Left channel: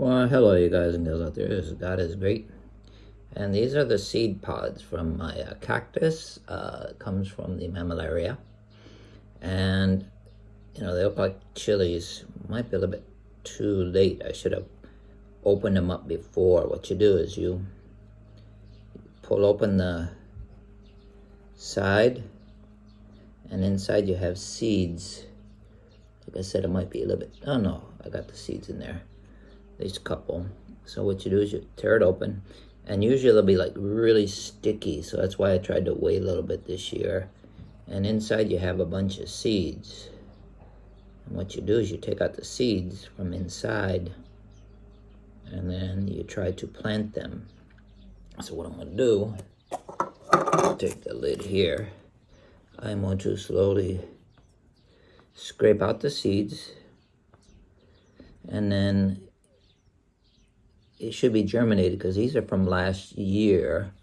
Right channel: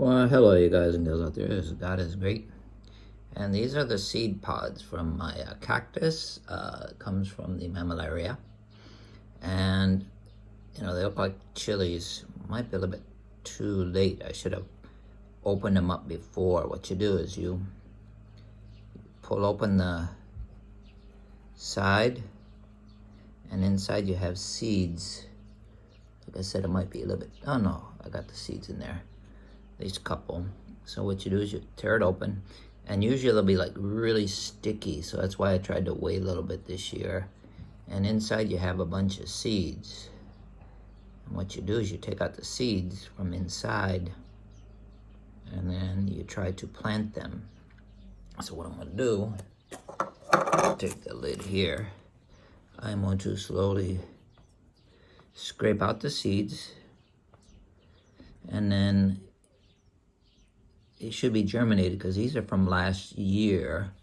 Well, hello, you guys and girls out there. God is great. And these are the seed pods from my cactus. It comes from the mammillaria. And, they look like chilies. Might be a little bit too late. I should have opened them up before. What you do is you pull open the side, and inside you have seeds. Like I said, it might be a little bit, oh no, I got the seeds in there. These couple. So what you do is you tear it open, and usually they'll be like really sticky, so that's why I tried to wait a little bit this year. And inside you have a bunch of seeds, and what you do is you take out the seeds from inside, and then you try to plant them. So what I'm going to do, take the lid here, I'm going to slowly scrape out the seeds, and then it should be germinated because these are from last year,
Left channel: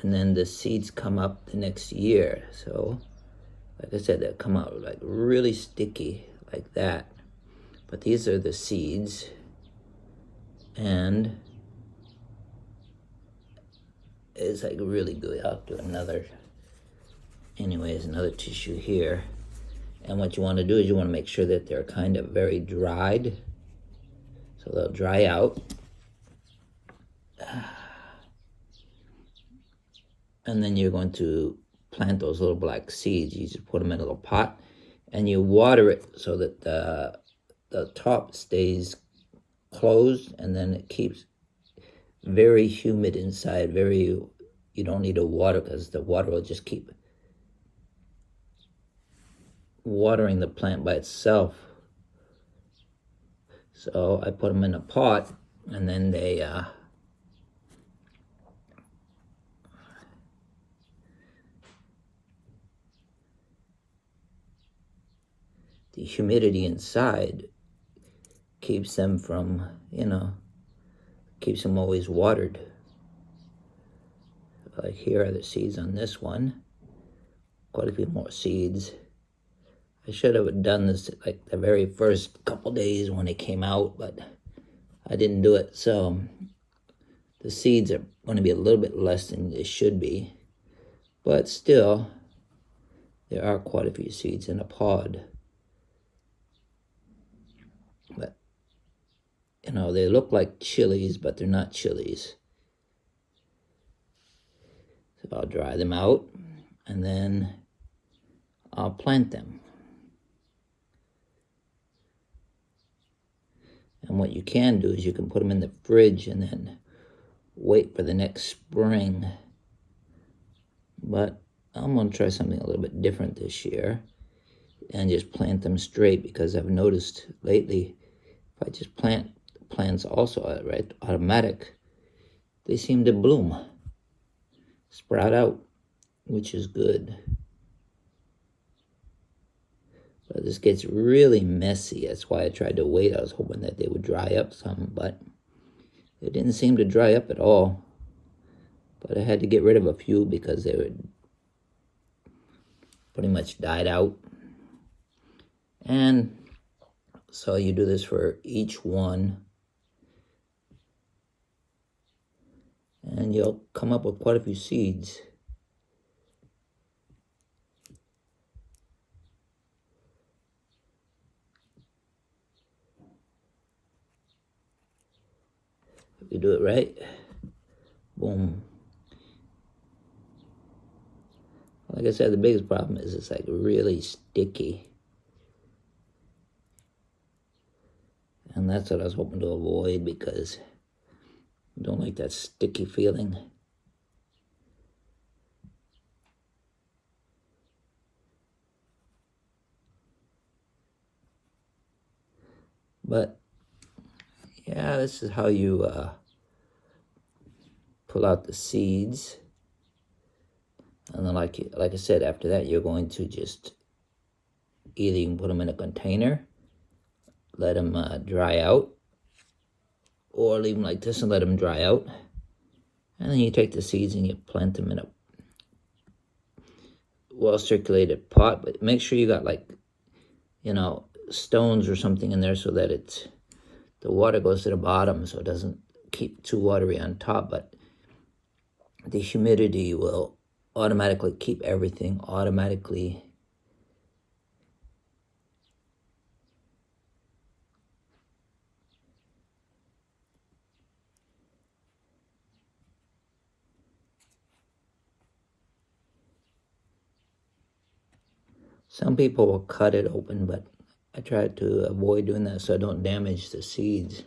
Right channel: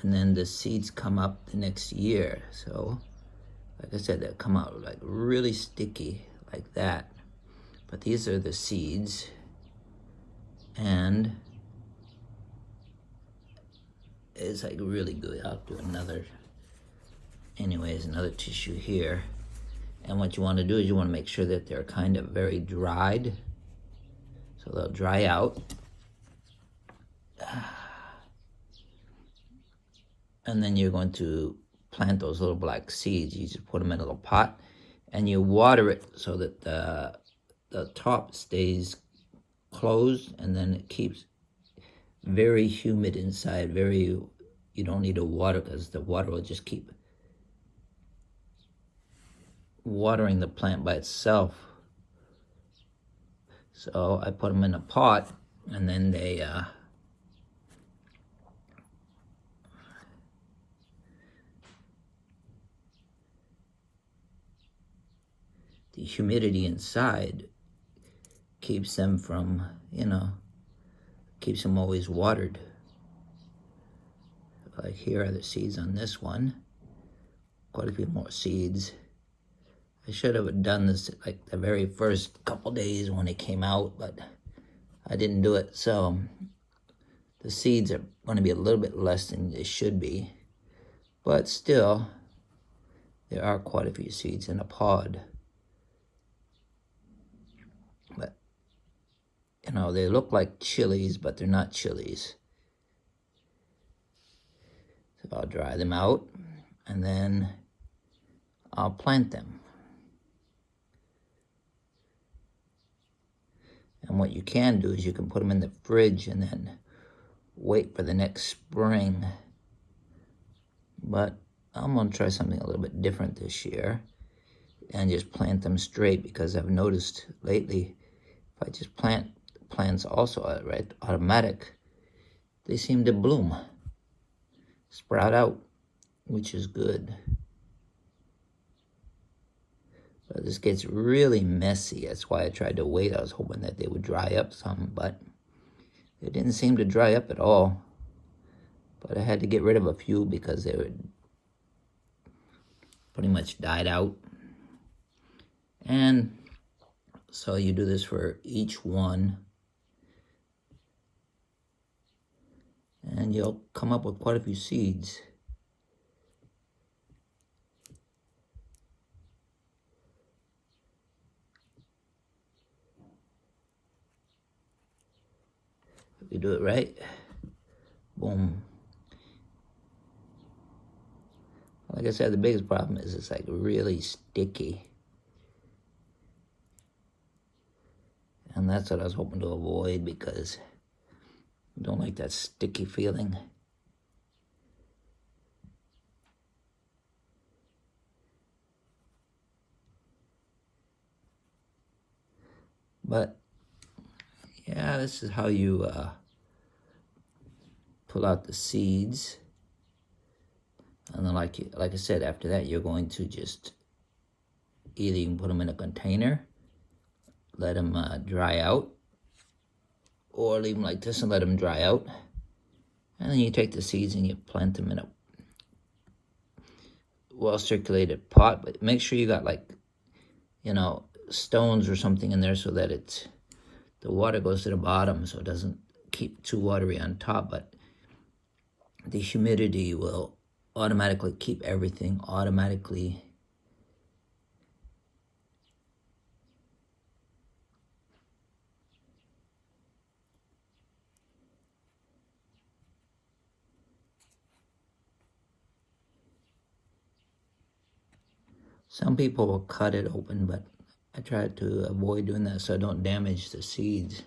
and then the seeds come up the next year. So like I said, they'll come out like really sticky like that, but these are the seeds. And it's like really good. I'll do another tissue here. And what you want to do is you want to make sure that they're kind of very dried, so they'll dry out. And then you're going to plant those little black seeds. You just put them in a little pot, and you water it so that the top stays closed, and then it keeps very humid inside. You don't need to water, because the water will just keep watering the plant by itself. So I put them in a pot, and then they the humidity inside keeps them from, keeps them always watered. Like here are the seeds on this one. Quite a few more seeds. I should have done this like the very first couple days when it came out, but I didn't do it. So the seeds are going to be a little bit less than they should be, but still there are quite a few seeds in a pod. But they look like chilies, but they're not chilies. So I'll dry them out, and then I'll plant them. And what you can do is you can put them in the fridge and then wait for the next spring. But I'm going to try something a little bit different this year and just plant them straight, because I've noticed lately if I just plant plants also automatic, they seem to bloom, sprout out, which is good. But this gets really messy. That's why I tried to wait. I was hoping that they would dry up some, but they didn't seem to dry up at all. But I had to get rid of a few because they were pretty much died out. And so you do this for each one, and you'll come up with quite a few seeds. If you do it right, boom. Like I said, the biggest problem is it's like really sticky. And that's what I was hoping to avoid, because I don't like that sticky feeling. But yeah, this is how you pull out the seeds. And then like I said, after that, you're going to just either you can put them in a container, let them dry out, or leave them like this and let them dry out. And then you take the seeds and you plant them in a well-circulated pot, but make sure you got stones or something in there so that it's the water goes to the bottom, so it doesn't keep too watery on top, but the humidity will automatically keep everything automatically Some people will cut it open, but I try to avoid doing that so I don't damage the seeds.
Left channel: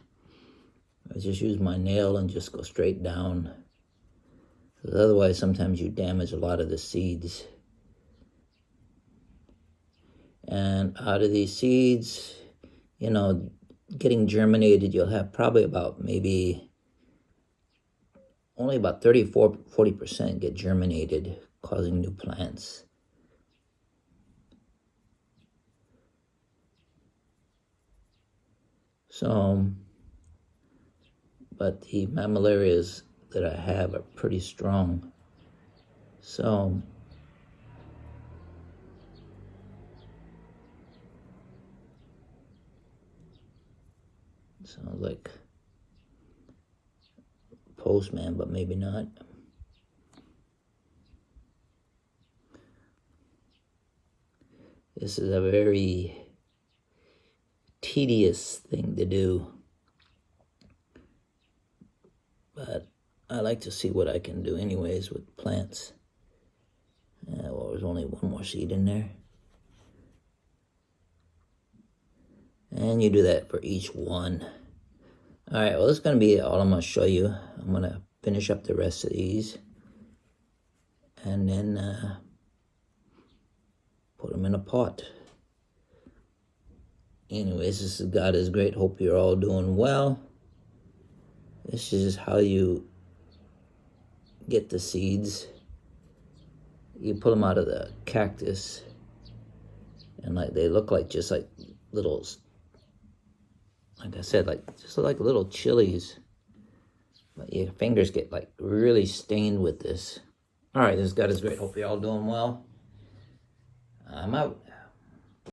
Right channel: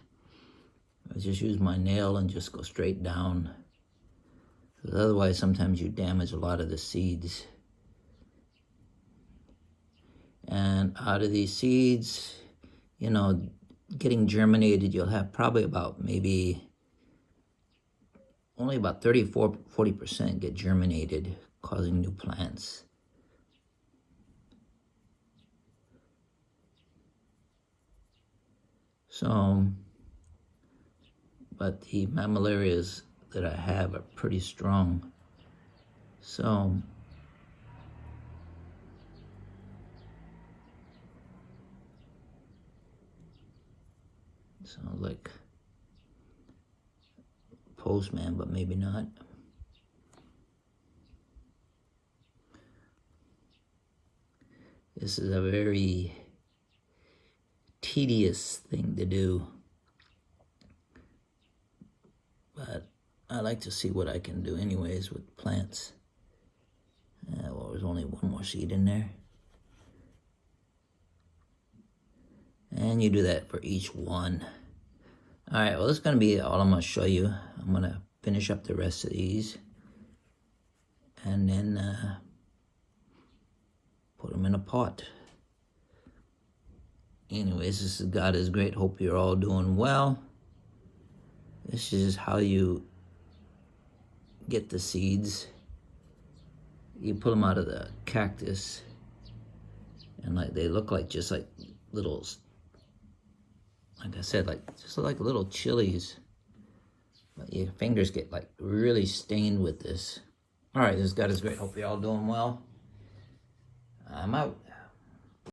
I just use my nail and just go straight down. Because otherwise, sometimes you damage a lot of the seeds. And out of these seeds, you know, getting germinated, you'll have probably about maybe only about 40% get germinated, causing new plants. So, but the mammillarias that I have are pretty strong. So, sounds like postman, but maybe not. This is a very tedious thing to do, but I like to see what I can do anyways with plants. Well, there's only one more seed in there. And you do that for each one. All right, well, this is going to be all I'm going to show you. I'm going to finish up the rest of these and then put them in a pot. Anyways, this is God is Great. Hope you're all doing well. This is how you get the seeds. You pull them out of the cactus, and like they look like just like little, like I said, like just like little chilies. But your fingers get like really stained with this. All right, this God is Great. Hope you're all doing well. I'm out.